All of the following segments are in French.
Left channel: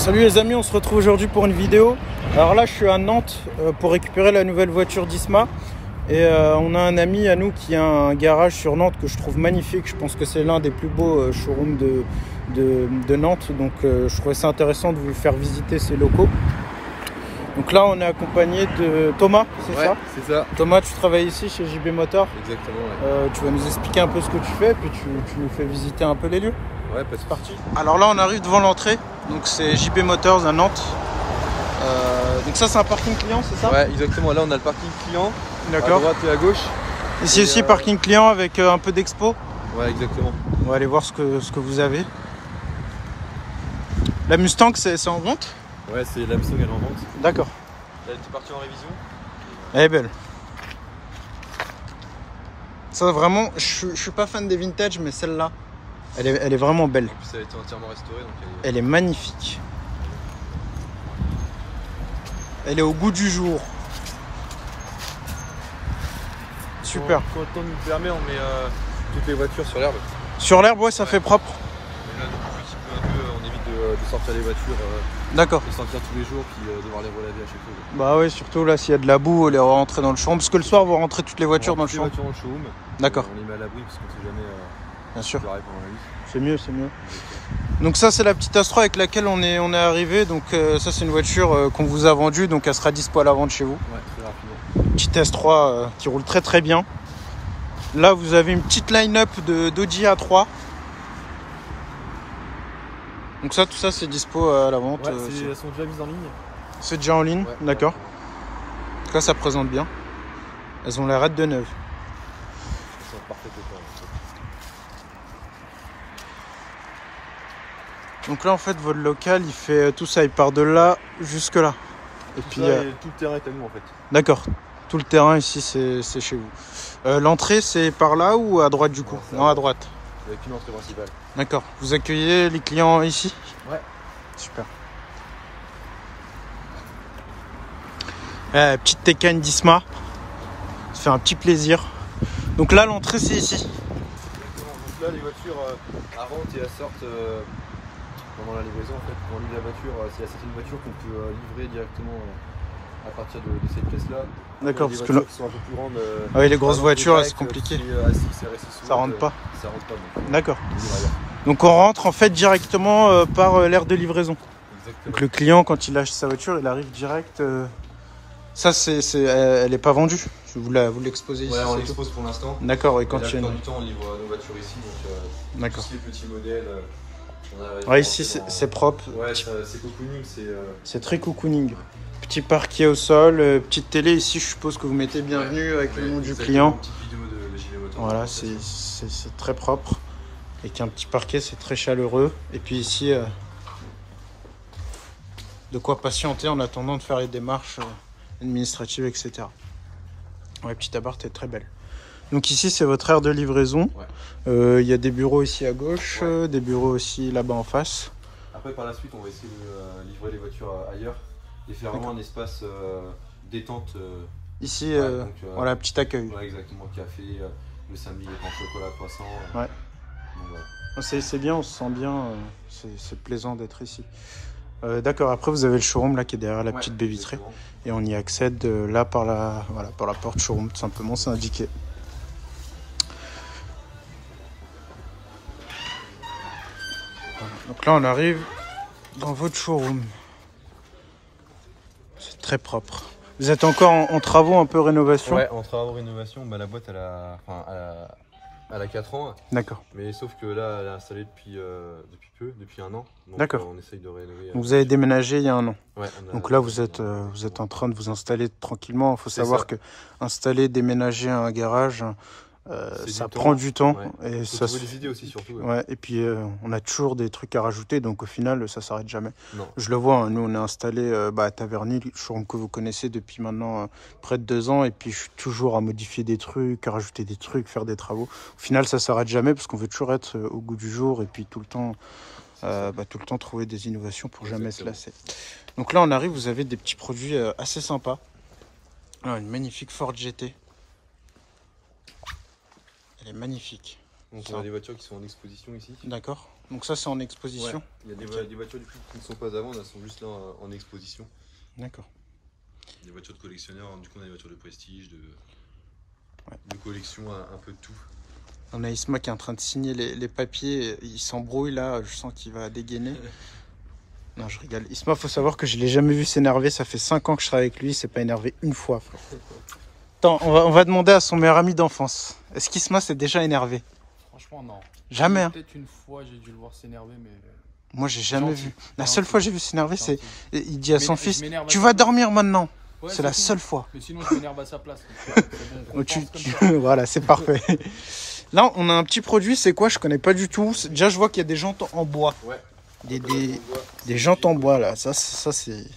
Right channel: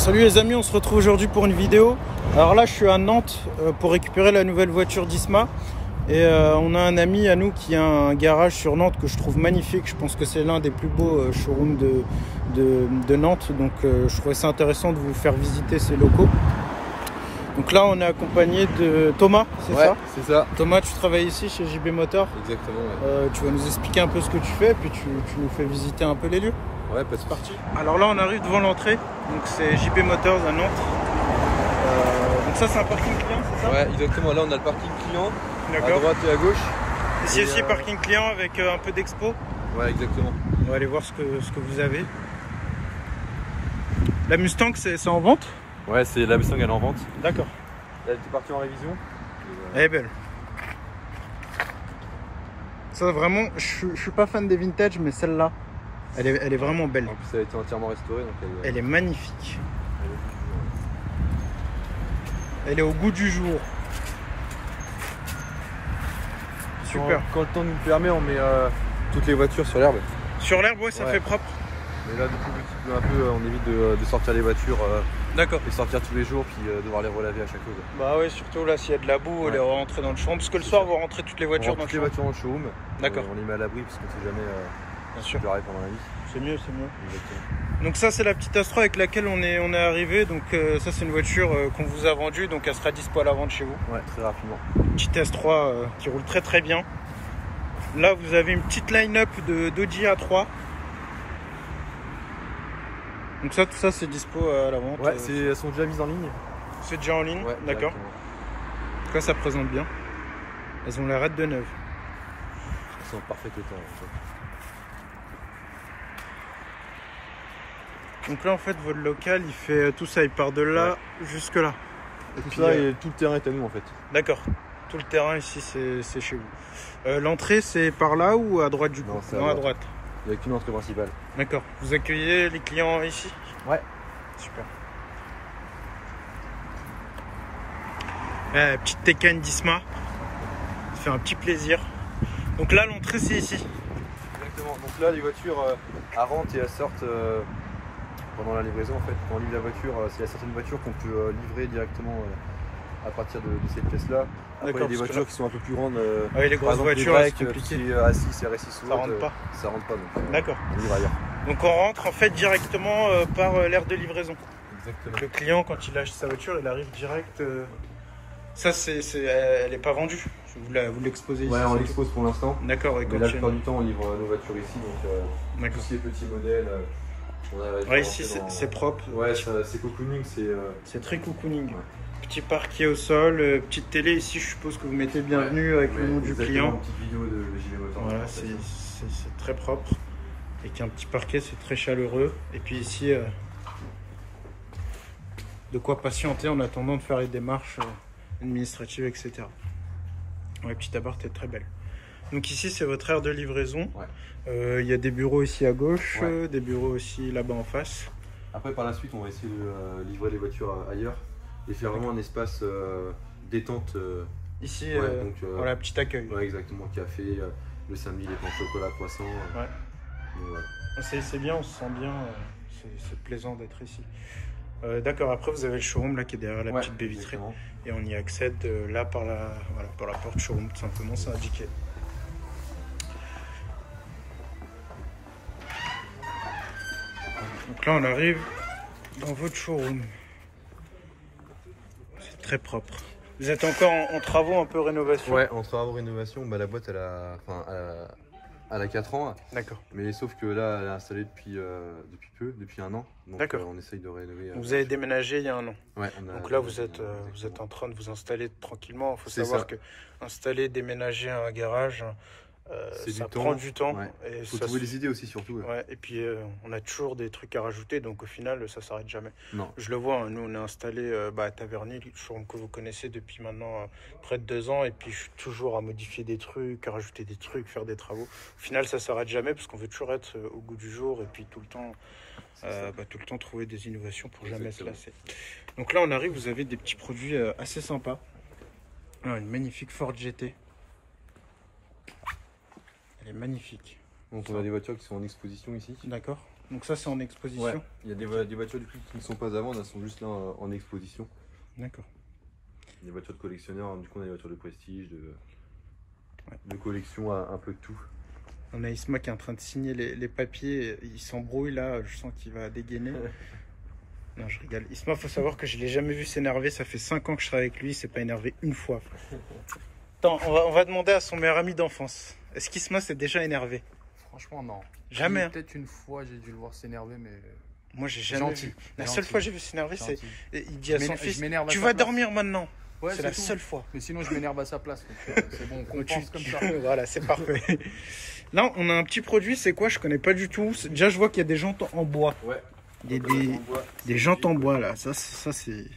Salut les amis, on se retrouve aujourd'hui pour une vidéo. Alors là je suis à Nantes pour récupérer la nouvelle voiture d'Isma. Et on a un ami à nous qui a un garage sur Nantes que je trouve magnifique. Je pense que c'est l'un des plus beaux showrooms de Nantes. Donc je trouvais ça intéressant de vous faire visiter ces locaux. Donc là on est accompagné de Thomas, c'est ça? C'est ça. Thomas, tu travailles ici chez JB Motors. Exactement, ouais. Tu vas nous expliquer un peu ce que tu fais, puis tu nous fais visiter un peu les lieux. Ouais, pas de parti. Alors là on arrive devant l'entrée, donc c'est JB Motors à Nantes. Donc ça c'est un parking client, c'est ça? Ouais, exactement, là on a le parking client. D'accord. À droite et à gauche. Ici aussi parking client avec un peu d'expo. Ouais, exactement. On va aller voir ce que vous avez. La Mustang c'est en vente? Ouais, c'est la Mustang, elle est en vente. D'accord. Elle était partie en révision. Elle est belle. Ça vraiment, je suis pas fan des vintage, mais celle-là, elle est vraiment belle. En plus elle a été entièrement restaurée, donc elle est magnifique. Elle est au goût du jour. Super. Quand le temps nous le permet, on met toutes les voitures sur l'herbe. Sur l'herbe, ouais, ça fait propre. Et là, du coup, vu qu'il pleut un peu, on évite de sortir les voitures. D'accord. Et sortir tous les jours, puis devoir les relaver à chaque fois. Bah ouais, surtout là, s'il y a de la boue, les rentrer dans le showroom. Parce que le soir, vous rentrez toutes les voitures dans le showroom. Les voitures dans le showroom. D'accord. On les met à l'abri parce qu'on ne sait jamais. Bien sûr. Pendant la vie. C'est mieux, c'est mieux. Donc ça, c'est la petite Astra avec laquelle on est arrivé. Donc ça, c'est une voiture qu'on vous a vendue, donc elle sera dispo à la vente chez vous. Ouais, très rapidement. Petite S3 qui roule très très bien. Là, vous avez une petite line-up d'Audi A3. Donc ça, tout ça, c'est dispo à la vente. Ouais, elles sont déjà mises en ligne. C'est déjà en ligne, ouais, d'accord. Ouais. Là, ça présente bien. Elles ont l'air de neuves. C'est parfait. Donc là, en fait, votre local, il fait tout ça. Il part de là jusque là. Et puis tout le terrain est à nous, en fait. D'accord. Tout le terrain ici, c'est chez vous. L'entrée, c'est par là ou à droite du coup? Non, à droite. Avec une entrée principale. D'accord. Vous accueillez les clients ici? Ouais. Super. Petite Taycan d'Isma. Ça fait un petit plaisir. Donc là, l'entrée, c'est ici. Exactement. Donc là, les voitures rentrent et elles sortent pendant la livraison. En fait, quand on livre la voiture, c'est certaines voitures qu'on peut livrer directement à partir de cette pièce-là. D'accord. Les voitures qui sont un peu plus rondes. Oui, les grosses voitures, c'est compliqué. A6, RS6 ça rentre pas. Ça rentre pas. D'accord. Donc on rentre en fait directement par l'aire de livraison. Exactement. Donc le client, quand il achète sa voiture, il arrive direct. Ça, elle n'est pas vendue. Vous l'exposez ici. Ouais, on l'expose pour l'instant. D'accord. Et quand la plupart du temps, on livre nos voitures ici. Donc, tous les petits modèles. Ouais, ici c'est propre. Ouais, c'est cocooning. C'est très cocooning. Ouais. Petit parquet au sol, petite télé. Ici, je suppose que vous mettez bienvenue avec le nom du client. Une petite vidéo de JB Motors. Voilà, c'est très propre. Et qu'un petit parquet, c'est très chaleureux. Et puis ici, de quoi patienter en attendant de faire les démarches administratives, etc. Ouais, petite appart est très belle. Donc ici, c'est votre aire de livraison. Il y a des bureaux ici à gauche, des bureaux aussi là-bas en face. Après, par la suite, on va essayer de livrer les voitures ailleurs et faire vraiment un espace détente. Ici, voilà, petit accueil. Ouais, exactement, café, le samedi, les pains au chocolat, poisson. Ouais. Donc, ouais. C'est bien, on se sent bien, c'est plaisant d'être ici. D'accord, après vous avez le showroom là qui est derrière la petite baie vitrée. Et on y accède là par la porte showroom, tout simplement, c'est indiqué. Voilà. Donc là on arrive dans votre showroom. C'est très propre. Vous êtes encore en travaux, un peu rénovation? Ouais, en travaux rénovation, bah, la boîte elle a 4 ans. D'accord. Mais sauf que là, elle est installée depuis un an. D'accord. On essaye de rénover. Vous avez déménagé il y a un an. Ouais. Donc là, vous êtes en train de vous installer tranquillement. Il faut savoir que installer, déménager un garage, ça prend du temps. Ouais. Et faut ça trouver des idées aussi, surtout. Ouais. Et puis, on a toujours des trucs à rajouter. Donc au final, ça s'arrête jamais. Non. Je le vois, hein, nous, on est installé à Taverny, le showroom que vous connaissez depuis maintenant près de 2 ans. Et puis, je suis toujours à modifier des trucs, à rajouter des trucs, faire des travaux. Au final, ça s'arrête jamais parce qu'on veut toujours être au goût du jour. Et puis, tout le temps trouver des innovations pour jamais se lasser. Donc là on arrive, vous avez des petits produits assez sympas. Alors, une magnifique Ford GT. Elle est magnifique. Donc on a des voitures qui sont en exposition ici. D'accord. Donc ça, c'est en exposition. Ouais. Il y a des voitures du coup, qui ne sont pas à vendre, elles sont juste là en exposition. D'accord. Des voitures de collectionneurs, du coup on a des voitures de prestige, de collection, un peu de tout. On a Isma qui est en train de signer les papiers. Il s'embrouille là, je sens qu'il va dégainer. Non, je rigole. Isma, faut savoir que je l'ai jamais vu s'énerver. Ça fait 5 ans que je travaille avec lui. Il s'est pas énervé une fois, frère. Attends, on va demander à son meilleur ami d'enfance. Est-ce qu'Isma s'est déjà énervé? Franchement, non. Jamais. Hein. Peut-être une fois, j'ai dû le voir s'énerver, mais. Moi, j'ai jamais vu. La seule fois que j'ai vu s'énerver, c'est. Il dit à son fils, m'énerve à tu sa vas place. dormir maintenant. Ouais, c'est la tout. seule fois. Mais sinon, je m'énerve à sa place. C'est bon, on compense comme ça. Voilà, c'est parfait. Là, on a un petit produit. C'est quoi? Je connais pas du tout. Déjà, je vois qu'il y a des jantes en bois. Ouais. Des jantes en bois là. Ça c'est.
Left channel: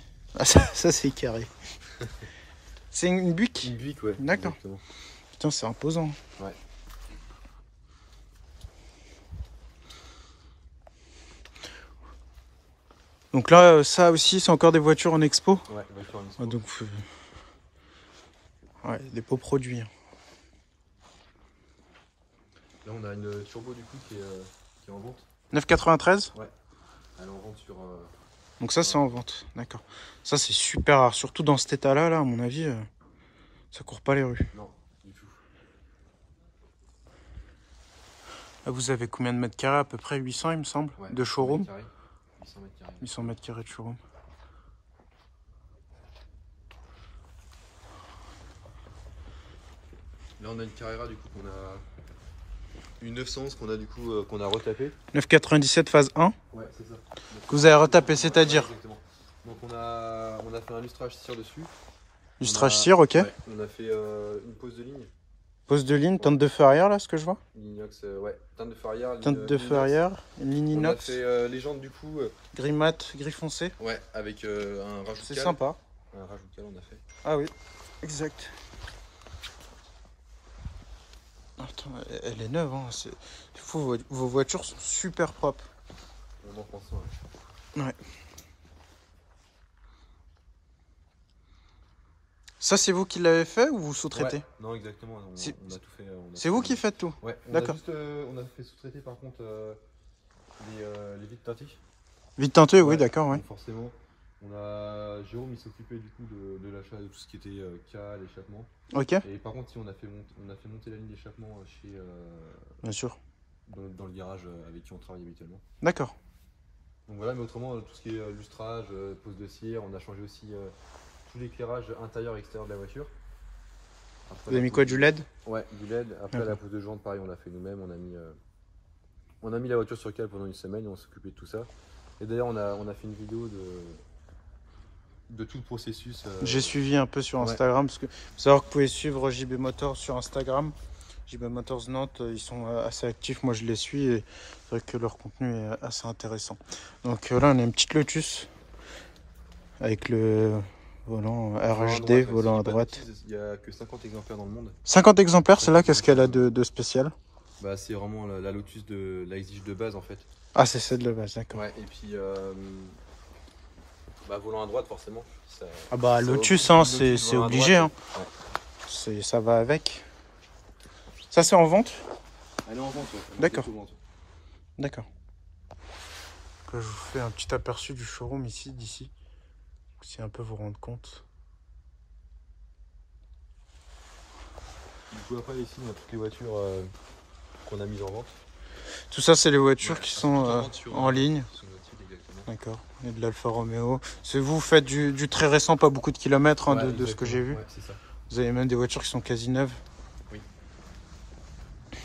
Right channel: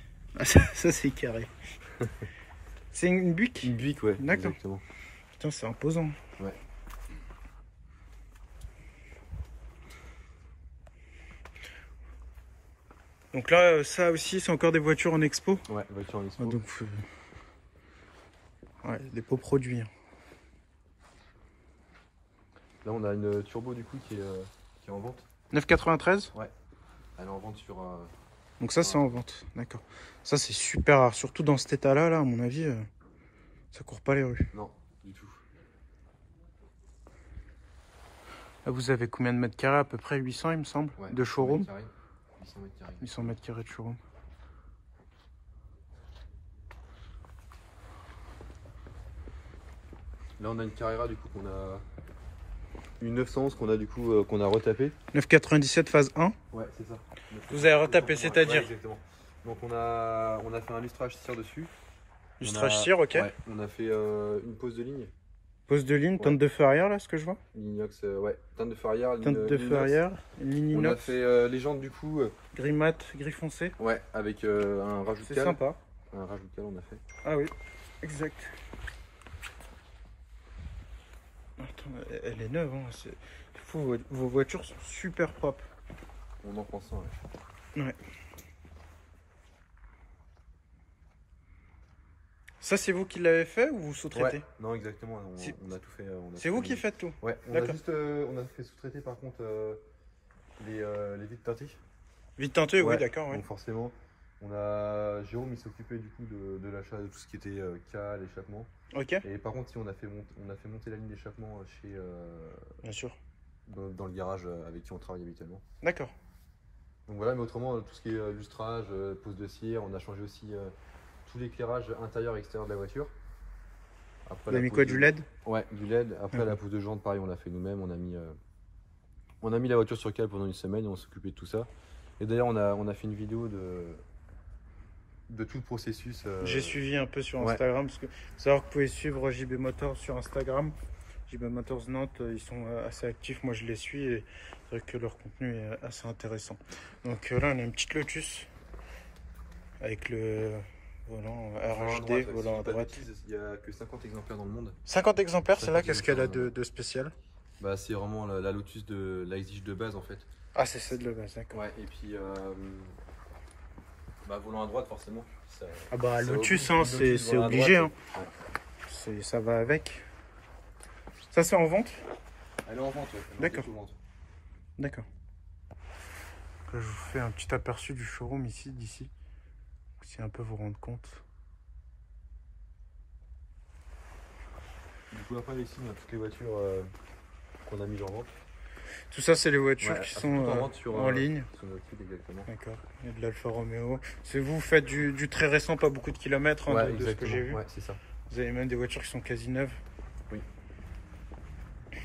Ça, c'est carré. C'est une Buick? Une Buick, ouais. D'accord. Exactement. Putain, c'est imposant. Ouais. Donc là, ça aussi, c'est encore des voitures en expo. Ouais, voitures en expo. Ah, donc, ouais, des beaux produits. Hein. Là, on a une turbo du coup qui est en vente. 9,93? Ouais. Elle est en vente sur. Donc ça, c'est en vente. D'accord. Ça, c'est super rare. Surtout dans cet état-là, là, à mon avis, ça court pas les rues. Non, du tout. Là, vous avez combien de mètres carrés? À peu près 800, il me semble, Ouais, de showroom. 800 mètres carrés. 800 mètres carrés de showroom. Là, on a une Carrera du coup qu'on a. Une 911 qu'on a du coup qu'on a retapé. 9,97 phase 1. Ouais, c'est ça. Vous avez retapé, c'est-à-dire? Ouais, exactement. Donc on a fait un lustrage cire dessus. Lustrage cire, ok. Ouais, on a fait une pose de ligne. Pose de ligne, teinte de feu arrière, là, ce que je vois. Ligne inox, ouais. Teinte de feu arrière. Teinte de feu arrière, ligne On a inox. fait les jantes du coup. Gris mat, gris foncé. Ouais, avec un rajout de C'est cale. sympa. Un rajout de cale, on a fait. Ah oui, exact. Attends, elle est neuve, hein. Vos voitures sont super propres. On en pense, ouais. Ouais. Ça, c'est vous qui l'avez fait ou vous sous-traitez? Ouais. Non, exactement. On a tout fait. C'est vous qui faites tout? Ouais. D'accord. On a fait sous-traiter par contre les vitres teintées. Vite tenté, oui, Ouais. d'accord. Ouais. Donc forcément, Jérôme, il s'occupait du coup de l'achat de tout ce qui était cale, échappement. Ok, Et par contre, si on a fait monter la ligne d'échappement chez bien sûr. dans le garage avec qui on travaille habituellement. D'accord. Donc voilà, mais autrement, tout ce qui est lustrage, pose de cire, on a changé aussi tout l'éclairage intérieur et extérieur de la voiture. Après, Vous avez mis quoi, du LED? Ouais, du LED. Après, la pose de jante, pareil, on l'a fait nous-mêmes. On a mis la voiture sur cale pendant une semaine et on s'occupait de tout ça. Et d'ailleurs, on a fait une vidéo de tout le processus. J'ai suivi un peu sur Instagram, parce que faut savoir que vous pouvez suivre JB Motors sur Instagram. JB Motors Nantes, ils sont assez actifs, moi je les suis et c'est vrai que leur contenu est assez intéressant. Donc là on a une petite Lotus avec le volant RHD, volant à droite. Il n'y a que 50 exemplaires dans le monde. 50 exemplaires, celle-là, qu'est-ce qu'elle a de spécial? Bah, c'est vraiment la Lotus de la exige de base en fait. Ah, c'est celle de base, d'accord. Ouais, et puis volant à droite forcément. Ah bah Lotus, hein, c'est obligé. Hein. Ouais. Ça va avec. Ça c'est en vente? Elle est en vente, ouais. D'accord. D'accord. Je vous fais un petit aperçu du showroom ici, d'ici. Si un peu vous rendre compte. Du coup après ici on a toutes les voitures qu'on a mises en vente. Tout ça c'est les voitures qui sont en ligne. Sur notre site exactement. D'accord. Il y a de l'Alfa Romeo. Vous faites du très récent, pas beaucoup de kilomètres hein, de ce que j'ai vu. Ouais, c'est ça. Vous avez même des voitures qui sont quasi neuves. Oui.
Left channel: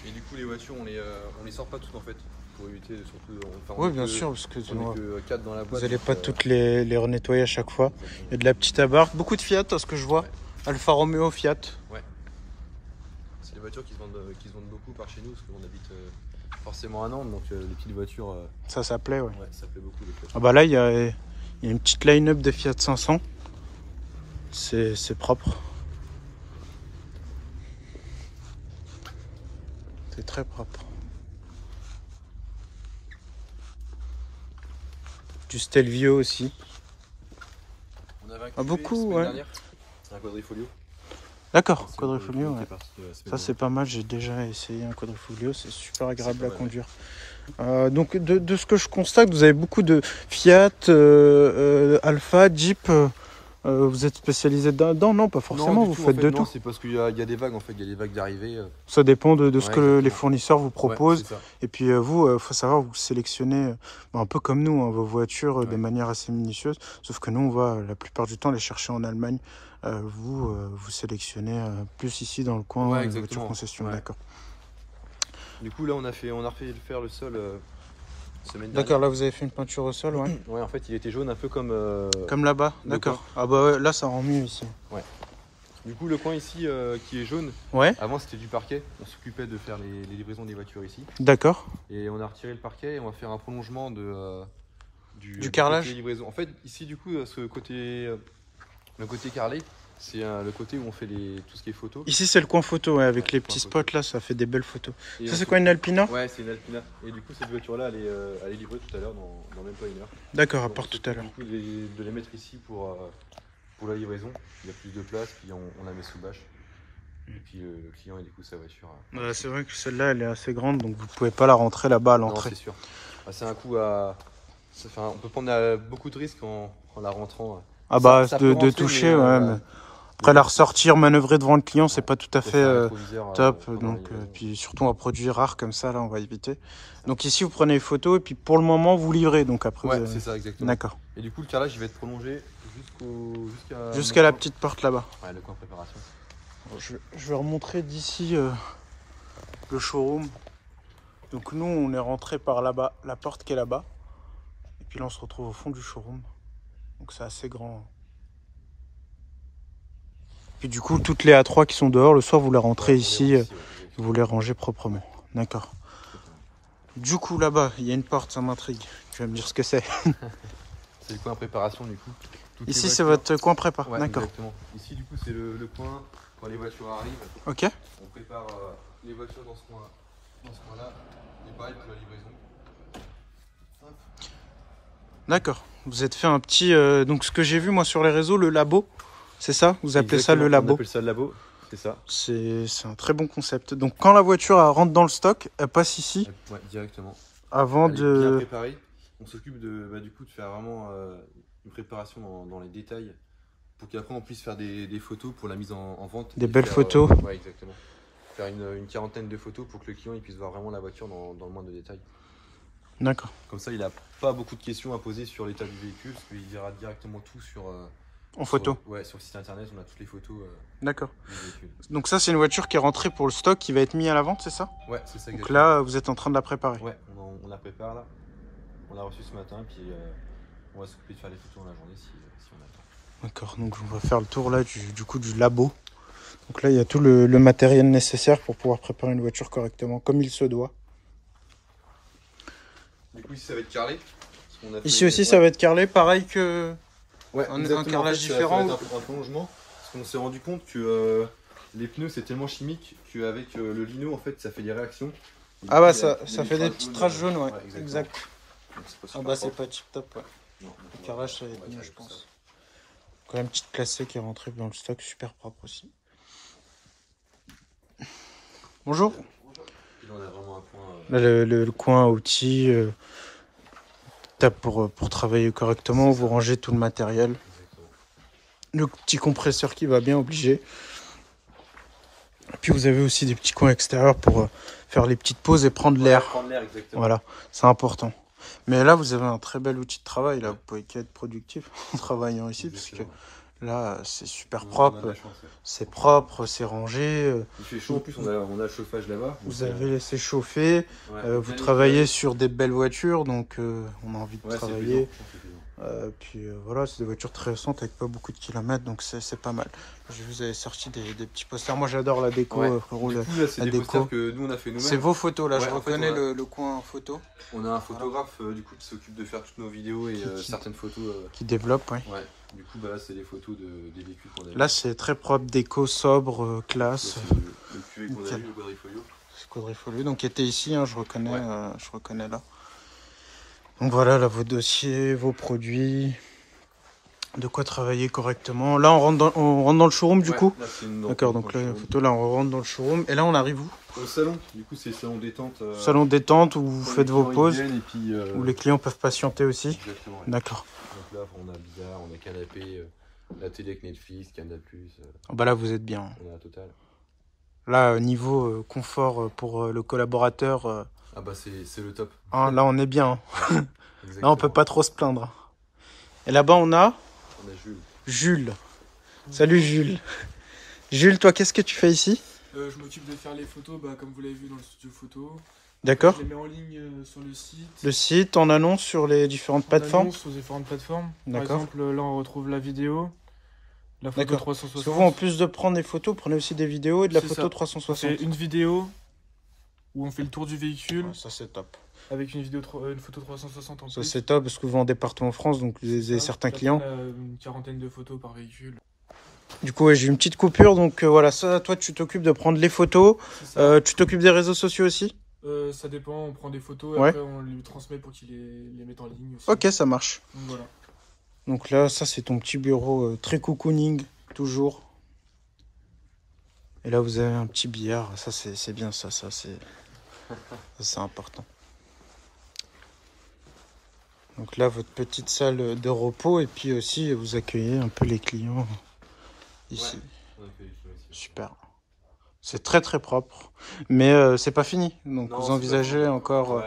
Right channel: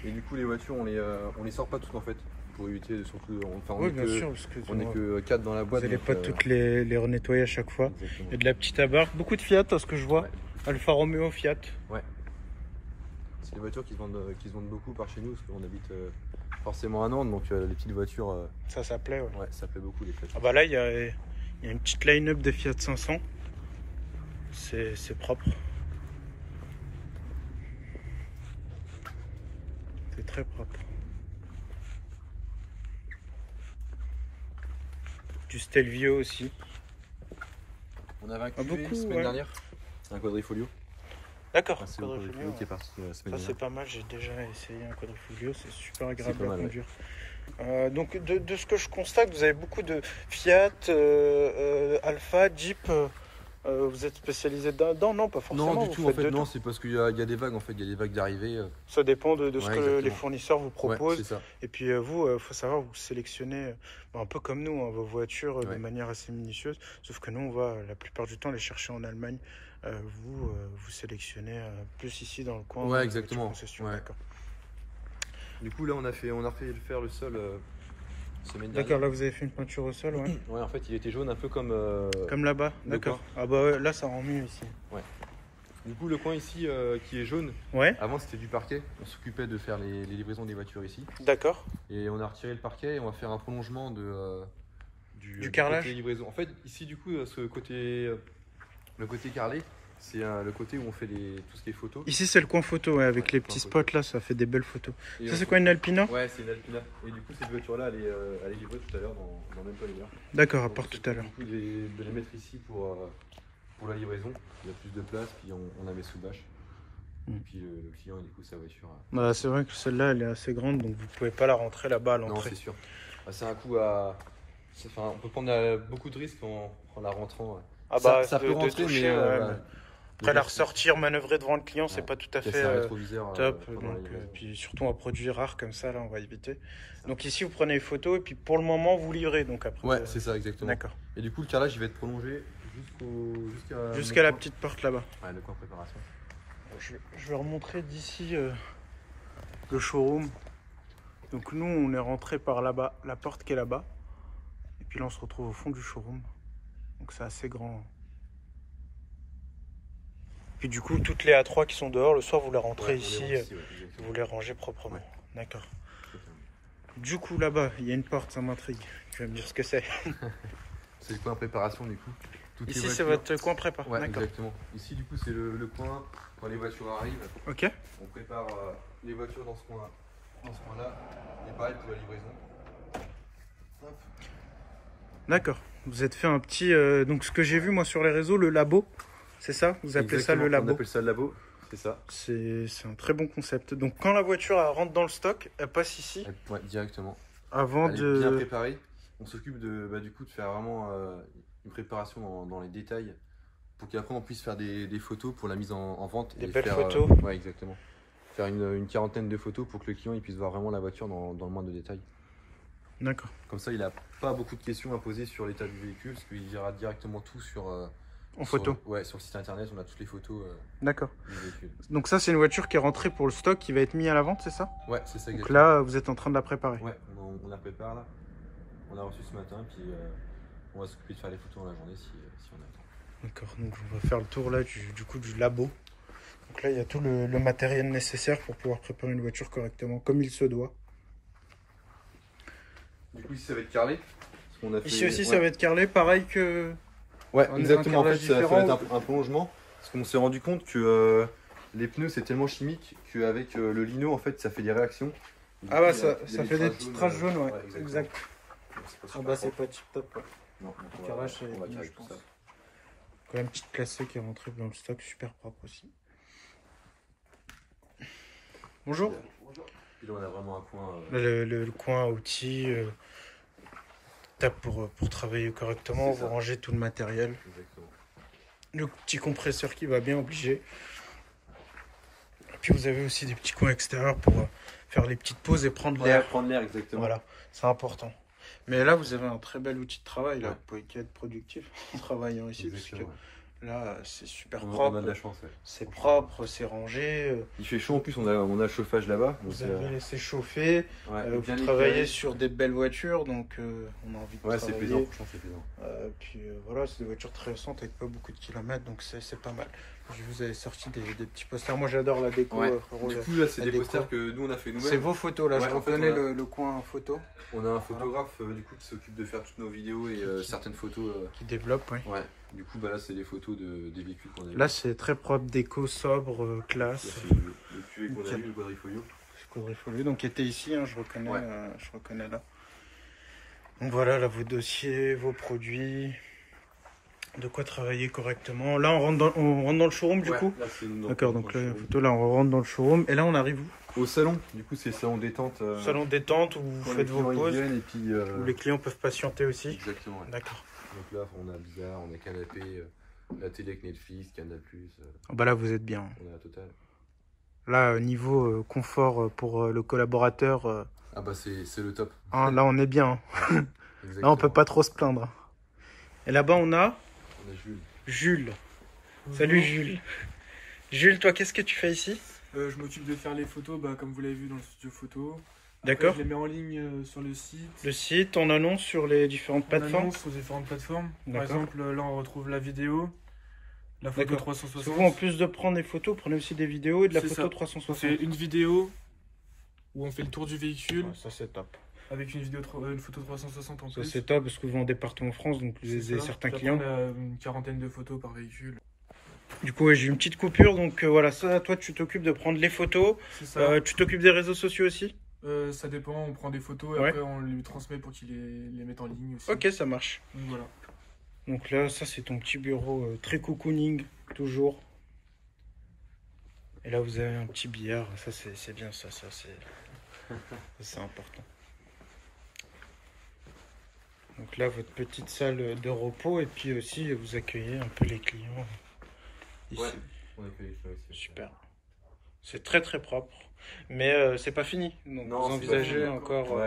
Et du coup les voitures on les sort pas toutes en fait. Pour éviter surtout. Oui bien sûr, parce que on est que 4 dans la boîte. Vous n'allez pas toutes les renettoyer à chaque fois. Exactement. Il y a de la petite abarque. Beaucoup de Fiat à ce que je vois. Ouais. Alfa Romeo, Fiat. Ouais. C'est des voitures qui se vendent beaucoup par chez nous parce qu'on habite forcément à Nantes, donc les petites voitures. Ça plaît, ouais. Ouais, ça plaît beaucoup. Ah bah là, il y a une petite line-up de Fiat 500. C'est propre. C'est très propre. Du Stelvio aussi. On avait un beaucoup, la semaine ouais. dernière, un quadrifolio. D'accord, Enfin, c'est quadrifoglio. qui Ouais. est parti la semaine Ça dernière. c'est pas mal, j'ai déjà essayé un quadrifoglio, c'est super agréable pas à mal, conduire. Donc de ce que je constate, vous avez beaucoup de Fiat, Alpha, Jeep. Vous êtes spécialisé dedans? Non, pas forcément, Non, du vous tout, en faites fait, de non, tout. c'est parce qu'il y a des vagues, en fait, il y a des vagues d'arrivée. Ça dépend de ce Ouais, que les exactement. fournisseurs vous Ouais, proposent. c'est ça. Et puis vous, faut savoir, vous sélectionnez un peu comme nous, hein, vos voitures de Ouais. manière assez minutieuse. Sauf que nous, on va la plupart du temps les chercher en Allemagne. Vous sélectionnez plus ici dans le coin, Ouais, les exactement. voitures concession. Ouais. D'accord. Du coup, là, on a refait faire le sol semaine D'accord, dernière. là vous avez fait une peinture au sol, ouais. Ouais, en fait, il était jaune, un peu comme. Comme là-bas, le d'accord. coin. Ah bah ouais, là ça rend mieux ici. Du coup, le coin ici qui est jaune, Ouais, avant c'était du parquet. On s'occupait de faire les livraisons des voitures ici. d'accord. Et on a retiré le parquet et on va faire un prolongement du carrelage côté livraison. En fait, ici, du coup, ce côté, le côté carrelé, c'est le côté où on fait tout ce qui est photo. Ici c'est le coin photo, ouais, avec Ouais, les le coin petits photo. spots là, ça fait des belles photos. Et Ça on c'est fait- quoi, une Alpina? Ouais, c'est une Alpina. Et du coup, cette voiture-là, elle est livrée tout à l'heure dans le même timer. D'accord, à Donc, part on tout s'occupe à l'heure. du coup de les mettre ici pour la livraison. Il y a plus de place, puis on la met sous bâche. Et puis le client, et du coup, sa voiture. Bah, c'est vrai que celle-là elle est assez grande, donc vous pouvez pas la rentrer là-bas à Non, l'entrée. c'est sûr. Bah, c'est un coup à. On peut prendre beaucoup de risques en la rentrant. Ah bah Ça de peut rentrer, toucher, mais, ouais. voilà. Mais après la ressortir, manœuvrer devant le client, c'est Ouais. pas tout à Peut-être fait un rétroviseur, top. pendant Donc, la livraison. puis surtout un produit rare comme ça, là on va éviter. Donc ici vous prenez les photos et puis pour le moment vous livrez. Donc après, Ouais, c'est ça, exactement. D'accord. Et du coup, le carrelage, il va être prolongé Jusqu'à la petite porte là-bas. Ouais, le coin préparation. Je vais remontrer d'ici le showroom. Donc nous on est rentré par là-bas, la porte qui est là-bas. Et puis là on se retrouve au fond du showroom. Donc c'est assez grand. Puis du coup toutes les A3 qui sont dehors, le soir vous les rentrez Ouais, ici, ouais, vous les rangez proprement. Ouais. D'accord. Du coup là-bas il y a une porte, ça m'intrigue. Tu vas me dire ce que c'est. c'est le coin préparation du coup. Toutes Ici les c'est voitures- votre coin prépa. Ouais, D'accord. exactement. Ici du coup c'est le coin quand les voitures arrivent. Ok. On prépare les voitures dans ce coin-là. Et pareil pour la livraison. Hop. D'accord. Vous êtes fait un petit... donc ce que j'ai vu moi sur les réseaux, le labo. C'est ça? Vous appelez ça le Exactement, labo? On appelle ça le labo, c'est ça. C'est un très bon concept. Donc quand la voiture elle rentre dans le stock, elle passe ici Ouais, directement. avant Elle est bien de... préparée. On s'occupe du coup de faire vraiment une préparation dans les détails pour qu'après on puisse faire des photos pour la mise en vente. Des et belles faire, photos. Ouais, exactement. Faire une quarantaine de photos pour que le client il puisse voir vraiment la voiture dans le moindre détail. D'accord. Comme ça, il n'a pas beaucoup de questions à poser sur l'état du véhicule parce qu'il verra directement tout En photo. Ouais, sur le site internet, on a toutes les photos D'accord. du véhicule. Donc ça c'est une voiture qui est rentrée pour le stock qui va être mis à la vente, c'est ça? Ouais, c'est ça. Donc exactement. là vous êtes en train de la préparer. Ouais, on la prépare là. On l'a reçue ce matin, puis on va s'occuper de faire les photos dans la journée si on a le temps. D'accord, donc on va faire le tour là du coup du labo. Donc là il y a tout le matériel nécessaire pour pouvoir préparer une voiture correctement, comme il se doit. Du coup, ici ça va être carrelé. Ici aussi ça va être carrelé, pareil que... Ouais, un exactement. carrelage En fait, ça différent va être un prolongement. Parce qu'on s'est rendu compte que les pneus c'est tellement chimique qu'avec le lino en fait ça fait des réactions. Et Ah du bah coup, ça il y a fait des petites traces jaunes, ouais, exactement. exact. Donc, c'est pas Ah super bah c'est propre. pas tip top, ouais. Non, donc Le on carrelage va- ça va on être va mieux, tirer je tout pense. ça. Quand même une petite placée qui est rentrée dans le stock, super propre aussi. Bonjour. Puis là on a vraiment un coin. Là, le coin outils, pour travailler correctement, C'est vous ça. rangez tout le matériel. Exactement. Le petit compresseur qui va bien, obligé. Et puis vous avez aussi des petits coins extérieurs pour faire les petites pauses et prendre l'air. Prendre l'air, exactement. Voilà, c'est important. Mais là, vous avez un très bel outil de travail. Là, Ouais. vous pouvez qu'être productif en travaillant ici, parce que Exactement. là, c'est super On a de propre. la chance, ouais. C'est propre, c'est rangé. Il fait chaud en plus, on a le chauffage là-bas. Vous donc, avez laissé chauffer. ouais, Vous bien travaillez éclairé. sur des belles voitures, donc on a envie de Ouais, c'est plaisant, travailler. franchement, c'est plaisant. Puis voilà, c'est des voitures très récentes avec pas beaucoup de kilomètres, donc c'est pas mal. Je vous avais sorti des petits posters. Moi, j'adore la déco. Ouais. rouge. Du coup, là, c'est la des déco. posters que nous on a fait nous-mêmes. C'est vos photos, là. Ouais, je en fait, reconnais on a- le coin photo On a un photographe du coup qui s'occupe de faire toutes nos vidéos et Qui- certaines photos. qui développe. Ouais. Ouais. Du coup, bah là, c'est des photos des véhicules qu'on a. Là, c'est très propre, déco, sobre, classe. C'est le QE qu'on a Nickel. eu, le quadrifolio. C'est Quadrifoglio, donc qui était ici, hein, je reconnais, Ouais. je reconnais là. Donc voilà, là, vos dossiers, vos produits. De quoi travailler correctement. Là, on rentre dans le showroom du coup. D'accord, donc la photo, là, on rentre dans le showroom. Et là, on arrive où? Au salon. Du coup, c'est salon détente. Salon détente où vous faites vos pauses. Et puis, où les clients peuvent patienter aussi. Exactement. Ouais. D'accord. Donc là, on a bizarre, on a canapé, la télé avec Netflix, Canal+. Bah là, vous êtes bien. On a la totale. Là, niveau confort pour le collaborateur. Ah bah c'est le top. Hein, là, on est bien. Ouais, là, on peut pas trop se plaindre. Et là-bas, on a Jules. Jules. Salut Jules. Jules, toi, qu'est-ce que tu fais ici? Je m'occupe de faire les photos, comme vous l'avez vu dans le studio photo. D'accord. Je les mets en ligne sur le site. Le site, on annonce sur les différentes plateformes. Sur différentes plateformes. Par D'accord. exemple, là, on retrouve la vidéo. La photo 360. Parce que vous, en plus de prendre des photos, vous prenez aussi des vidéos et de la photo ça. 360. C'est une vidéo où on fait le tour du véhicule. Ouais, ça, c'est top. Avec une photo 360 en Ça, plus. c'est top parce que vous vendez partout en France, donc vous avez certains clients. On a une quarantaine de photos par véhicule. Du coup, ouais, j'ai une petite coupure, donc voilà, ça, toi, tu t'occupes de prendre les photos. Tu t'occupes des réseaux sociaux aussi? Ça dépend, on prend des photos et après on lui transmet pour qu'il les mette en ligne aussi. Ok, ça marche. Donc, voilà. Donc là, ça, c'est ton petit bureau très cocooning, toujours. Et là, vous avez un petit billard. Ça, c'est bien, ça c'est important. Donc là, votre petite salle de repos. Et puis aussi, vous accueillez un peu les clients ici. Ouais, on accueille les clients ici. Super. C'est très très propre. Mais c'est pas fini. Donc Non, vous envisagez encore encore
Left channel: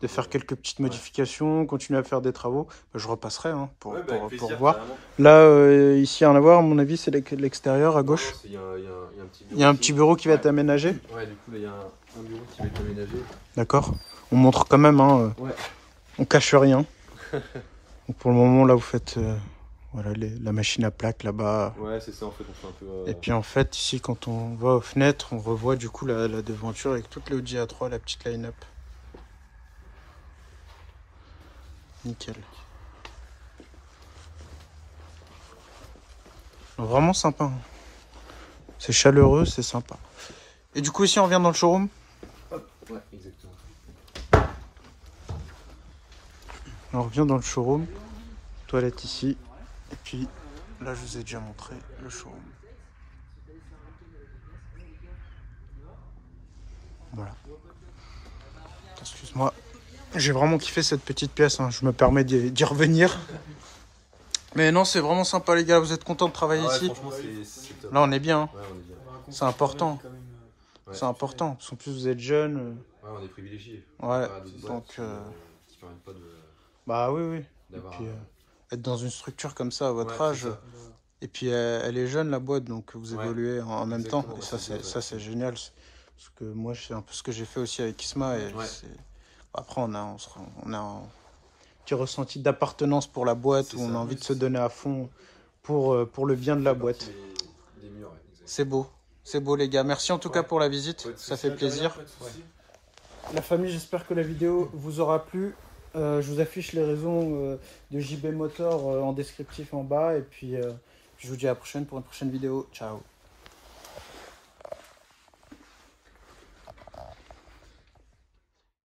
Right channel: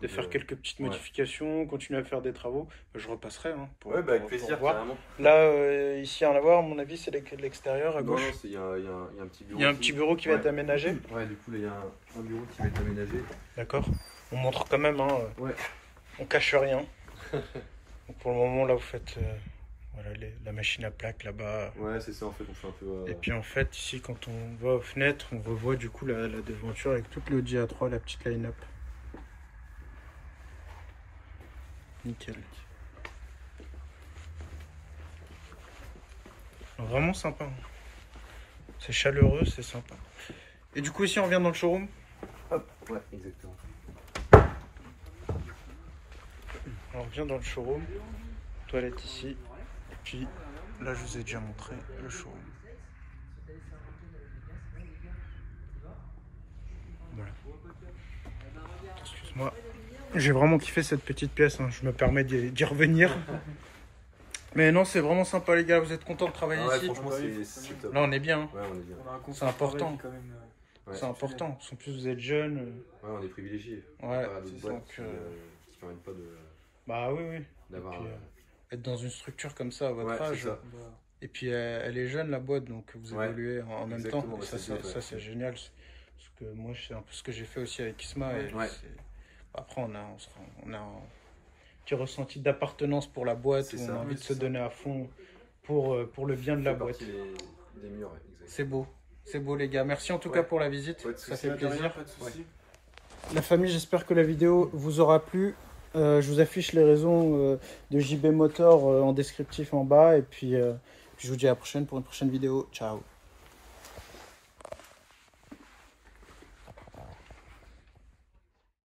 de faire quelques petites modifications, continuer à faire des travaux. Je repasserai pour avec plaisir, voir. carrément. Là, ici, à en avoir, à mon avis, c'est l'extérieur à gauche. Il y a un petit bureau. Il y a un petit bureau qui va être aménagé. Ouais, du coup, là, il y a un bureau qui va être aménagé. D'accord. On montre quand même, on cache rien. Donc pour le moment, là, vous faites voilà, la machine à plaques là-bas. Ouais, c'est ça, en fait, on fait un peu... Et puis en fait, ici, quand on va aux fenêtres, on revoit du coup la devanture avec toute le Audi A3, la petite line-up. Nickel. Vraiment sympa. Hein. C'est chaleureux, c'est sympa. Et du coup, ici, on revient dans le showroom. Hop, ouais, exactement. On revient dans le showroom. Toilette ici. Et puis, là, je vous ai déjà montré le showroom. Voilà. Excuse-moi. J'ai vraiment kiffé cette petite pièce. Hein. Je me permets d'y revenir. Mais non, c'est vraiment sympa, les gars. Vous êtes contents de travailler ici? Franchement, c'est top. Là, on est bien. Hein. Ouais, on est bien. C'est important. Quand même, C'est important. Parce qu'en plus, vous êtes jeunes. Ouais, on est privilégiés. Ouais. Donc, qui permettent pas de... Bah oui, oui. D'avoir... Et puis, être dans une structure comme ça à votre âge. Ça. Et puis, elle est jeune, la boîte. Donc, vous évoluez en même temps. Et ça, c'est génial. Parce que moi, c'est un peu ce que j'ai fait aussi avec Isma. Et après, on a un petit ressenti d'appartenance pour la boîte où on a envie de se donner à fond pour le bien de la boîte. C'est beau. C'est beau, les gars. Merci en tout cas pour la visite. Ça fait plaisir. La famille, j'espère que la vidéo vous aura plu. Je vous affiche les réseaux de JB Motor en descriptif en bas. Et puis, je vous dis à la prochaine pour une prochaine vidéo. Ciao.